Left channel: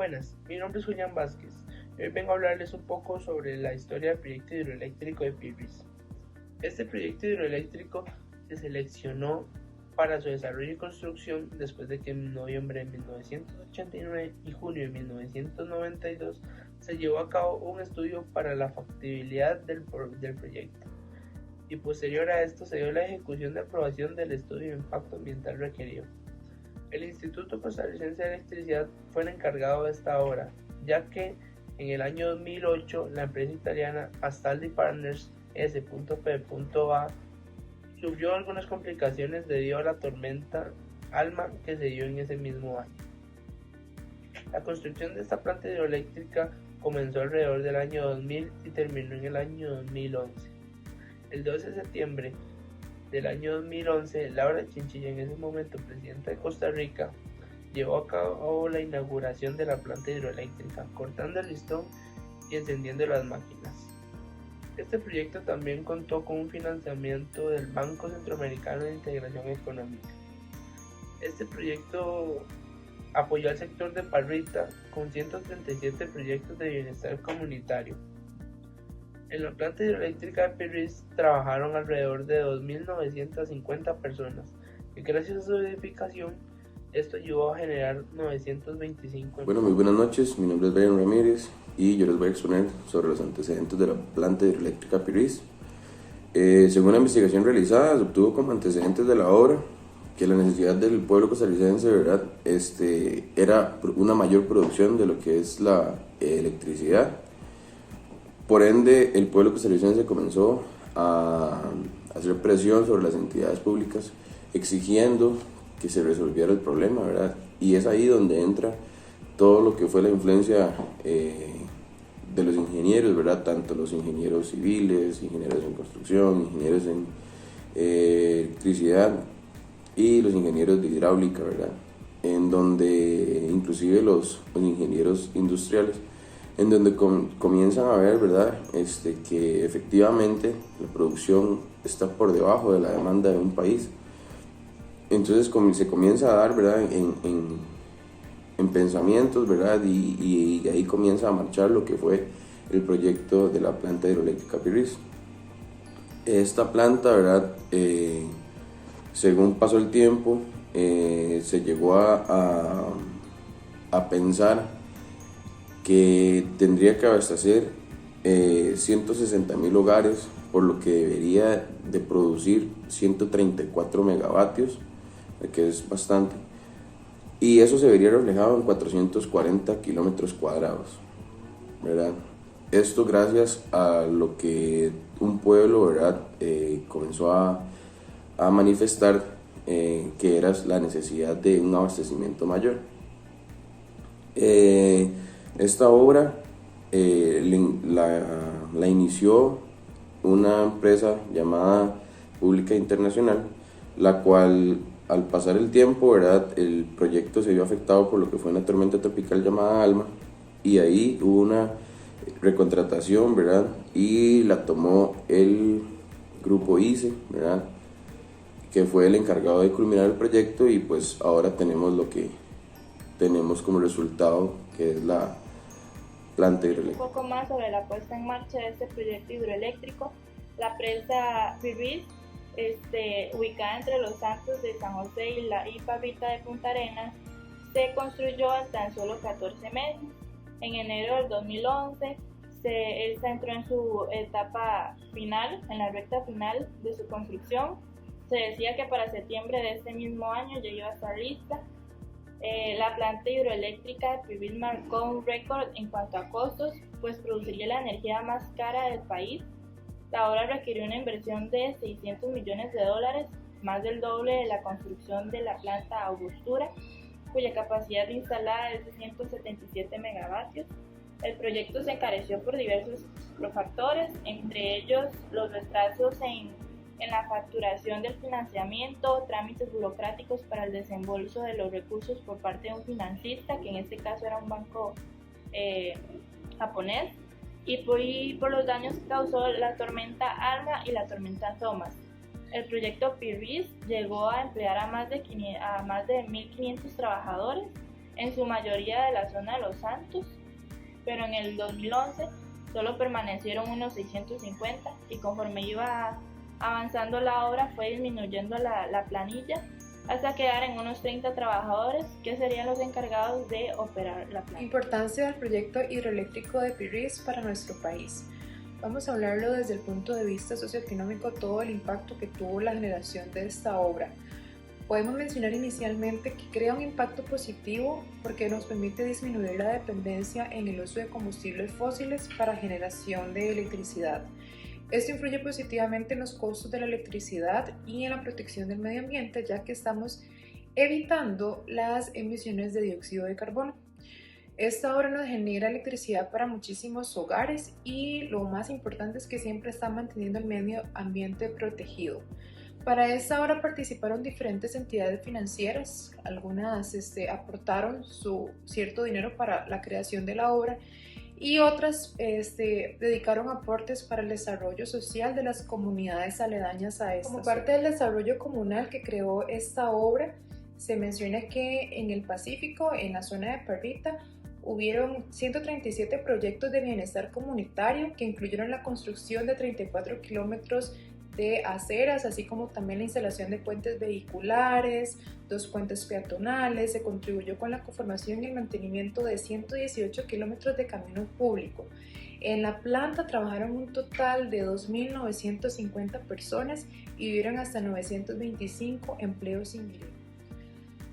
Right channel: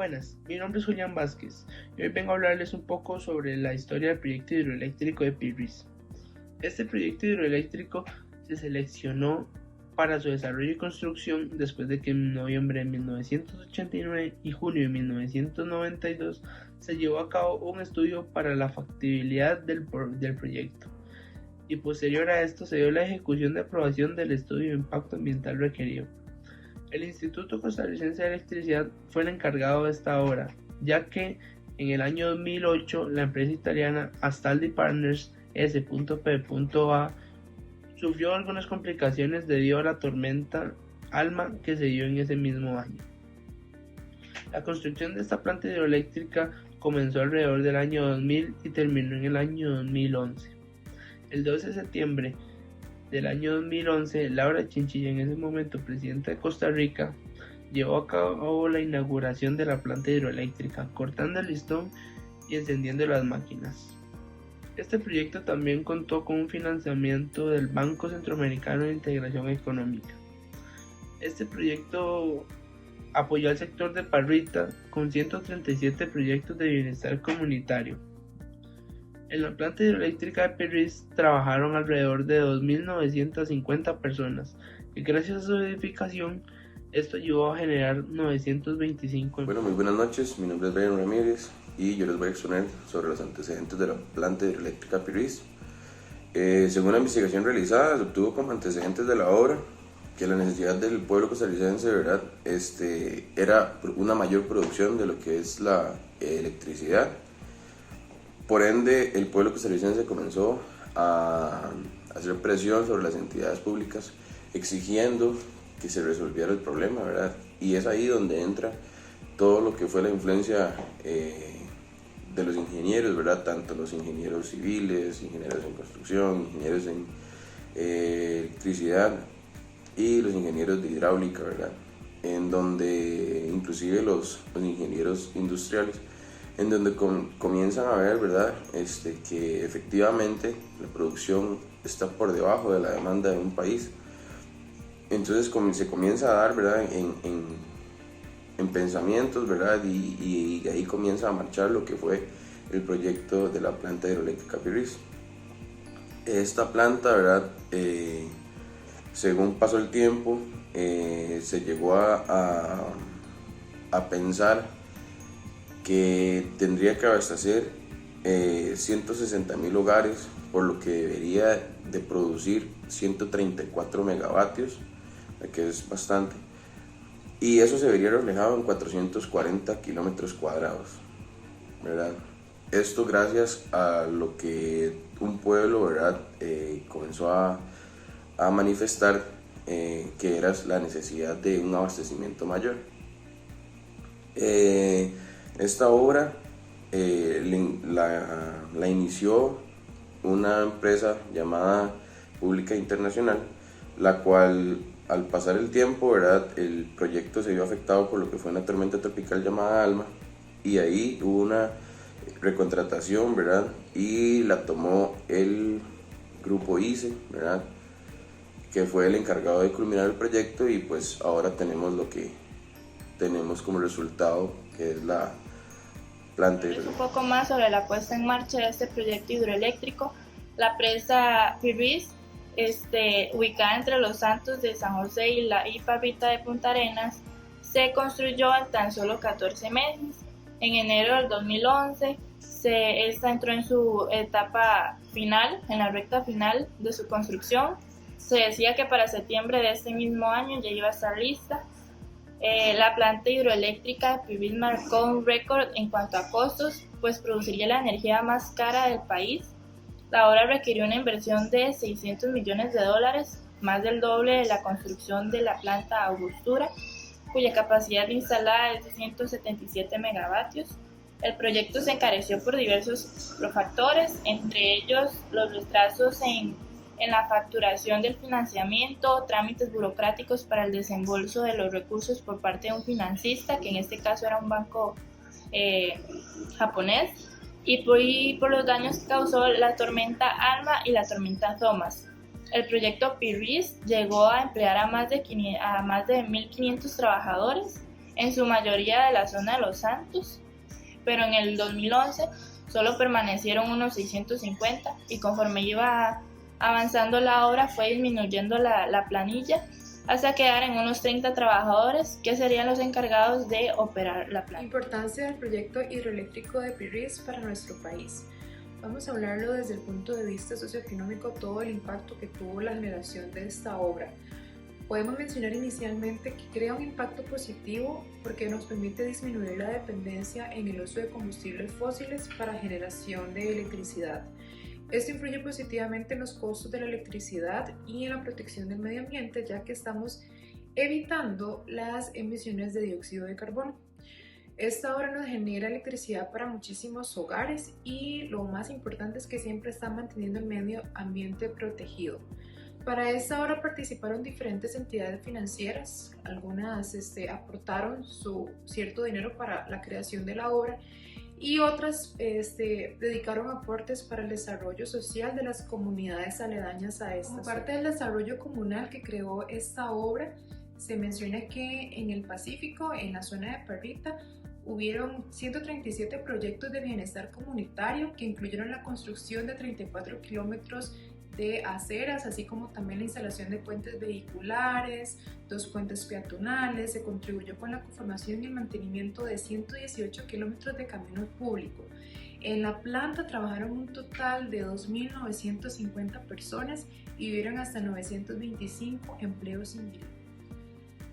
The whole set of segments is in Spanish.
Buenas, mi nombre es Julián Vázquez y hoy vengo a hablarles un poco sobre la historia del proyecto hidroeléctrico de Pirris. Este proyecto hidroeléctrico se seleccionó para su desarrollo y construcción después de que en noviembre de 1989 y junio de 1992 se llevó a cabo un estudio para la factibilidad del proyecto y posterior a esto se dio la ejecución de aprobación del estudio de impacto ambiental requerido. El Instituto Costarricense de Electricidad fue el encargado de esta obra, ya que en el año 2008 la empresa italiana Astaldi Partners S.P.A. sufrió algunas complicaciones debido a la tormenta Alma que se dio en ese mismo año. La construcción de esta planta hidroeléctrica comenzó alrededor del año 2000 y terminó en el año 2011. El 12 de septiembre del año 2011, Laura Chinchilla, en ese momento presidenta de Costa Rica, llevó a cabo la inauguración de la planta hidroeléctrica, cortando el listón y encendiendo las máquinas. Este proyecto también contó con un financiamiento del Banco Centroamericano de Integración Económica. Este proyecto apoyó al sector de Parrita con 137 proyectos de bienestar comunitario. En la planta hidroeléctrica de Pirris trabajaron alrededor de 2.950 personas y gracias a su edificación esto ayudó a generar 925 Bueno, muy buenas noches, mi nombre es Brian Ramírez y yo les voy a exponer sobre los antecedentes de la planta hidroeléctrica Pirris. Según la investigación realizada, se obtuvo como antecedentes de la obra que la necesidad del pueblo costarricense, ¿verdad? Era una mayor producción de lo que es la electricidad. Por ende, el pueblo costarricense comenzó a hacer presión sobre las entidades públicas, exigiendo que se resolviera el problema, ¿verdad? Y es ahí donde entra todo lo que fue la influencia de los ingenieros, ¿verdad? Tanto los ingenieros civiles, ingenieros en construcción, ingenieros en electricidad y los ingenieros de hidráulica, ¿verdad? En donde inclusive los ingenieros industriales, en donde comienzan a ver, ¿verdad? Que efectivamente la producción está por debajo de la demanda de un país. Entonces se comienza a dar, ¿verdad? En pensamientos, ¿verdad? Y ahí comienza a marchar lo que fue el proyecto de la planta hidroeléctrica Pirris. Esta planta, ¿verdad? Según pasó el tiempo, se llegó a pensar que tendría que abastecer 160.000 hogares, por lo que debería de producir 134 megavatios, que es bastante, y eso se vería reflejado en 440 kilómetros cuadrados, ¿verdad? Esto gracias a lo que un pueblo, ¿verdad? Comenzó a manifestar que era la necesidad de un abastecimiento mayor. Esta obra la inició una empresa llamada Pública Internacional, la cual al pasar el tiempo, ¿verdad? El proyecto se vio afectado por lo que fue una tormenta tropical llamada Alma, y ahí hubo una recontratación, ¿verdad? Y la tomó el grupo ICE, ¿verdad? Que fue el encargado de culminar el proyecto, y pues ahora tenemos lo que tenemos como resultado, que es la planta hidroeléctrica. Un poco más sobre la puesta en marcha de este proyecto hidroeléctrico. La presa Pirris, ubicada entre Los Santos de San José y la Parrita de Punta Arenas, se construyó en tan solo 14 meses. En enero del 2011, esta entró en su etapa final, en la recta final de su construcción. Se decía que para septiembre de este mismo año ya iba a estar lista. La planta hidroeléctrica de Pirris marcó un récord en cuanto a costos, pues produciría la energía más cara del país. La obra requirió una inversión de $600 millones, más del doble de la construcción de la planta Angostura, cuya capacidad instalada es de 177 megavatios. El proyecto se encareció por diversos factores, entre ellos los retrasos en la facturación del financiamiento, trámites burocráticos para el desembolso de los recursos por parte de un financista, que en este caso era un banco japonés, y por los daños que causó la tormenta Alma y la tormenta Thomas. El proyecto Pirris llegó a emplear a más de 1.500 trabajadores en su mayoría de la zona de Los Santos, pero en el 2011 solo permanecieron unos 650 y conforme iba avanzando la obra fue disminuyendo la planilla hasta quedar en unos 30 trabajadores que serían los encargados de operar la planta. Importancia del proyecto hidroeléctrico de Pirriz para nuestro país. Vamos a hablarlo desde el punto de vista socioeconómico, todo el impacto que tuvo la generación de esta obra. Podemos mencionar inicialmente que crea un impacto positivo porque nos permite disminuir la dependencia en el uso de combustibles fósiles para generación de electricidad. Esto influye positivamente en los costos de la electricidad y en la protección del medio ambiente, ya que estamos evitando las emisiones de dióxido de carbono. Esta obra nos genera electricidad para muchísimos hogares y lo más importante es que siempre está manteniendo el medio ambiente protegido. Para esta obra participaron diferentes entidades financieras, algunas aportaron su cierto dinero para la creación de la obra y otras dedicaron aportes para el desarrollo social de las comunidades aledañas a esta. Como parte del desarrollo comunal que creó esta obra, se menciona que en el Pacífico, en la zona de Parrita, hubieron 137 proyectos de bienestar comunitario que incluyeron la construcción de 34 kilómetros de aceras, así como también la instalación de puentes vehiculares, 2 puentes peatonales. Se contribuyó con la conformación y el mantenimiento de 118 kilómetros de camino público. En la planta trabajaron un total de 2.950 personas y hubieron hasta 925 empleos indirectos.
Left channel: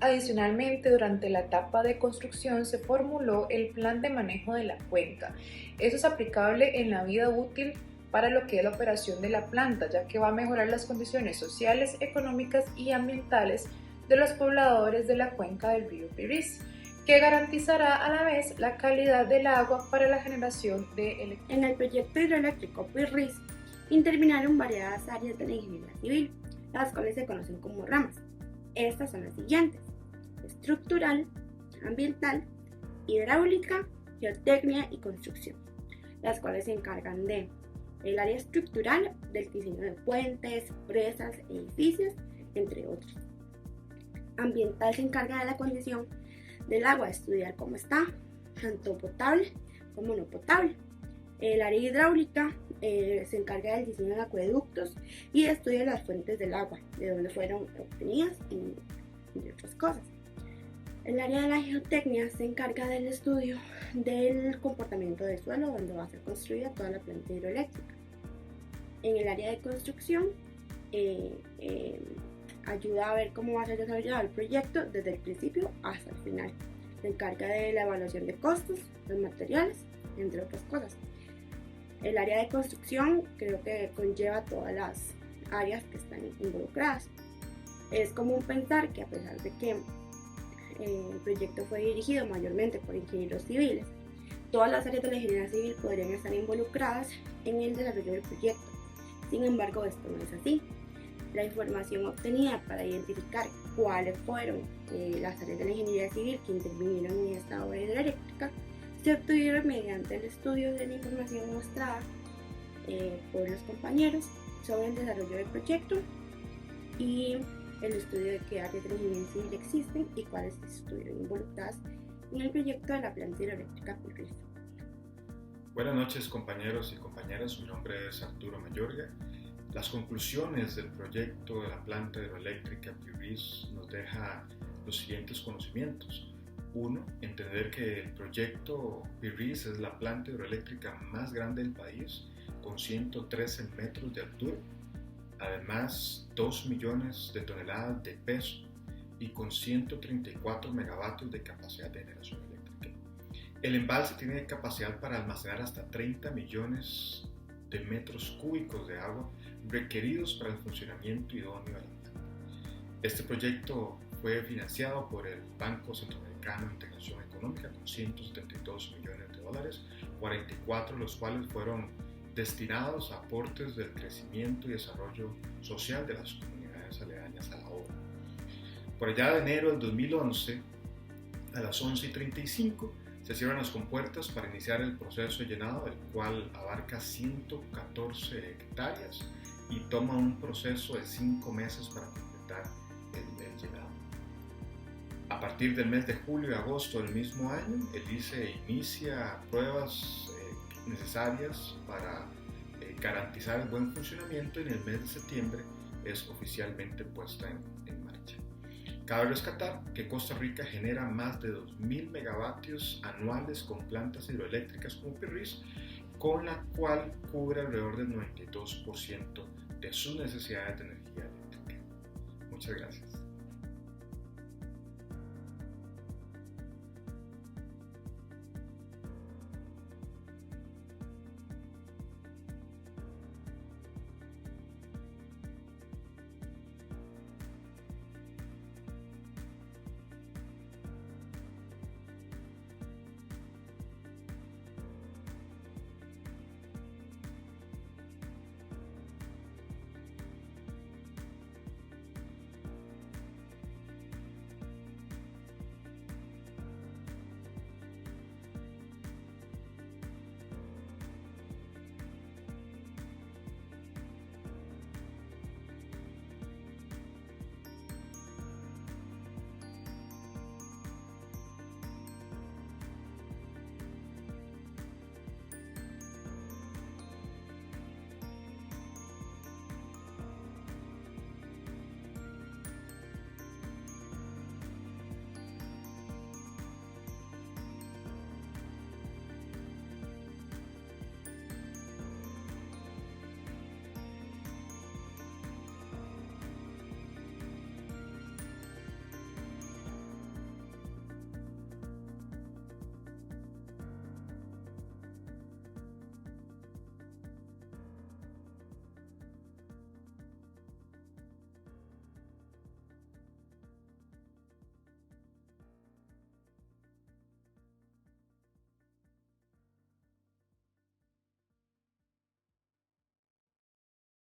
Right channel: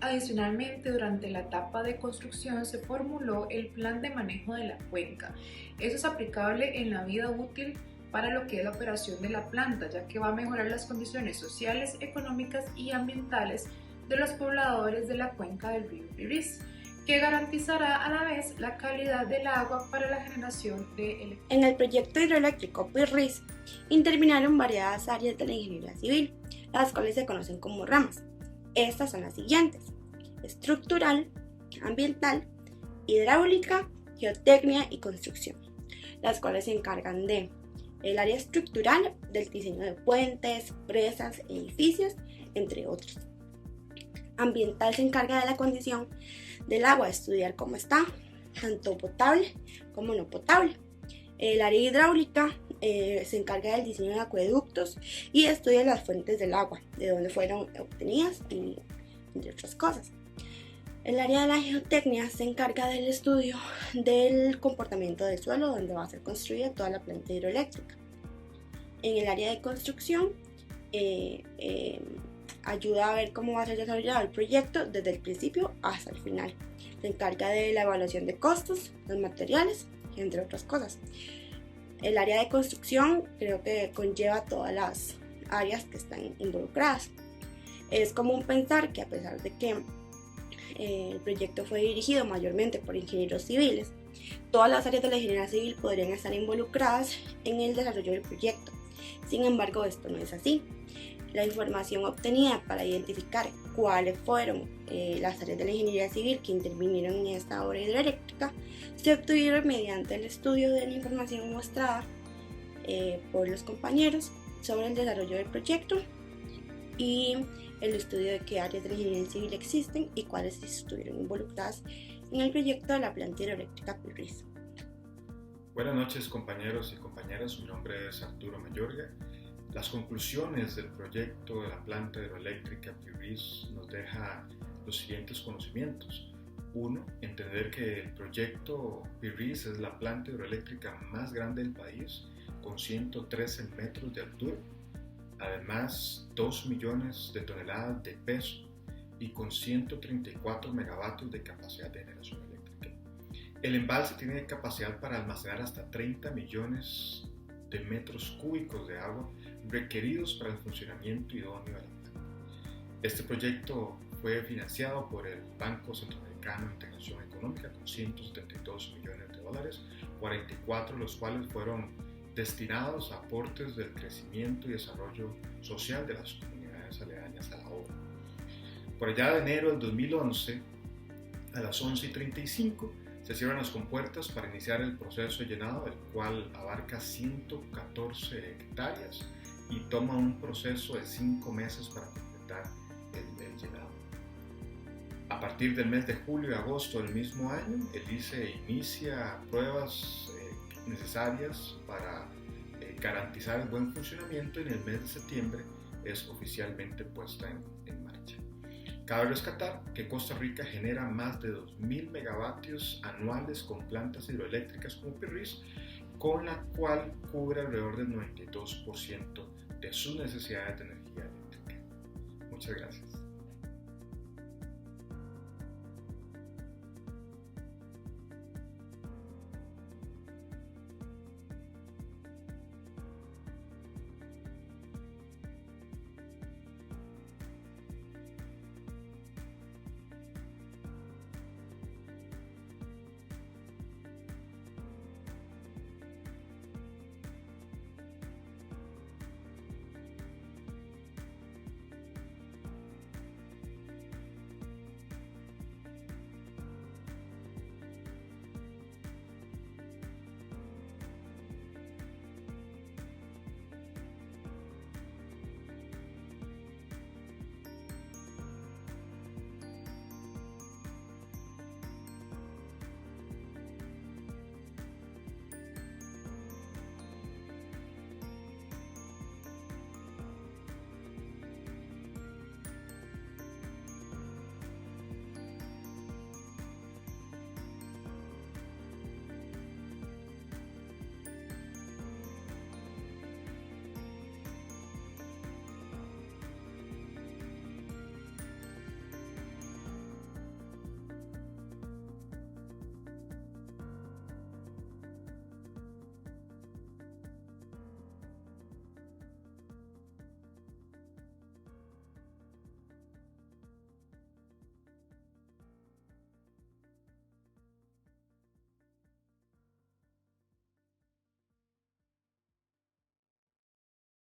Adicionalmente, durante la etapa de construcción se formuló el plan de manejo de la cuenca. Eso es aplicable en la vida útil para lo que es la operación de la planta, ya que va a mejorar las condiciones sociales, económicas y ambientales de los pobladores de la cuenca del río Pirriz, que garantizará a la vez la calidad del agua para la generación de electricidad. En el proyecto hidroeléctrico Pirriz intervinieron variadas áreas de la ingeniería civil, las cuales se conocen como ramas. Estas son las siguientes: estructural, ambiental, hidráulica, geotecnia y construcción, las cuales se encargan de el área estructural, del diseño de puentes, presas, edificios, entre otros. Ambiental se encarga de la condición del agua, estudiar cómo está, tanto potable como no potable. El área hidráulica se encarga del diseño de acueductos y estudia las fuentes del agua, de dónde fueron obtenidas y entre otras cosas. El área de la geotecnia se encarga del estudio del comportamiento del suelo donde va a ser construida toda la planta hidroeléctrica. En el área de construcción ayuda a ver cómo va a ser desarrollado el proyecto desde el principio hasta el final. Se encarga de la evaluación de costos, los materiales, entre otras cosas. El área de construcción creo que conlleva todas las áreas que están involucradas. Es común pensar que a pesar de que el proyecto fue dirigido mayormente por ingenieros civiles, todas las áreas de la ingeniería civil podrían estar involucradas en el desarrollo del proyecto. Sin embargo, esto no es así. La información obtenida para identificar cuáles fueron las áreas de la ingeniería civil que intervinieron en esta obra hidroeléctrica se obtuvieron mediante el estudio de la información mostrada por los compañeros sobre el desarrollo del proyecto y el estudio de qué áreas de la ingeniería civil existen y cuáles estuvieron involucradas en el proyecto de la planta hidroeléctrica Pirriz. Buenas noches, compañeros y compañeras, mi nombre es Arturo Mayorga. Las conclusiones del proyecto de la planta hidroeléctrica Pirriz nos deja los siguientes conocimientos. 1. Entender que el proyecto Pirriz es la planta hidroeléctrica más grande del país, con 113 metros de altura. Además, 2 millones de toneladas de peso y con 134 megavatios de capacidad de generación eléctrica. El embalse tiene capacidad para almacenar hasta 30 millones de metros cúbicos de agua requeridos para el funcionamiento idóneo de la planta. Este proyecto fue financiado por el Banco Centroamericano de Integración Económica con 172 millones de dólares, 44 de los cuales fueron destinados a aportes del crecimiento y desarrollo social de las comunidades aledañas a la obra. Por allá de enero del 2011, a las 11:35, se cierran las compuertas para iniciar el proceso de llenado, el cual abarca 114 hectáreas y toma un proceso de 5 meses para completar el llenado. A partir del mes de julio y agosto del mismo año, el ICE inicia pruebas necesarias para garantizar el buen funcionamiento y en el mes de septiembre es oficialmente puesta en marcha. Cabe rescatar que Costa Rica genera más de 2.000 megavatios anuales con plantas hidroeléctricas como PIRRIS, con la cual cubre alrededor del 92% de sus necesidades de energía eléctrica. Muchas gracias.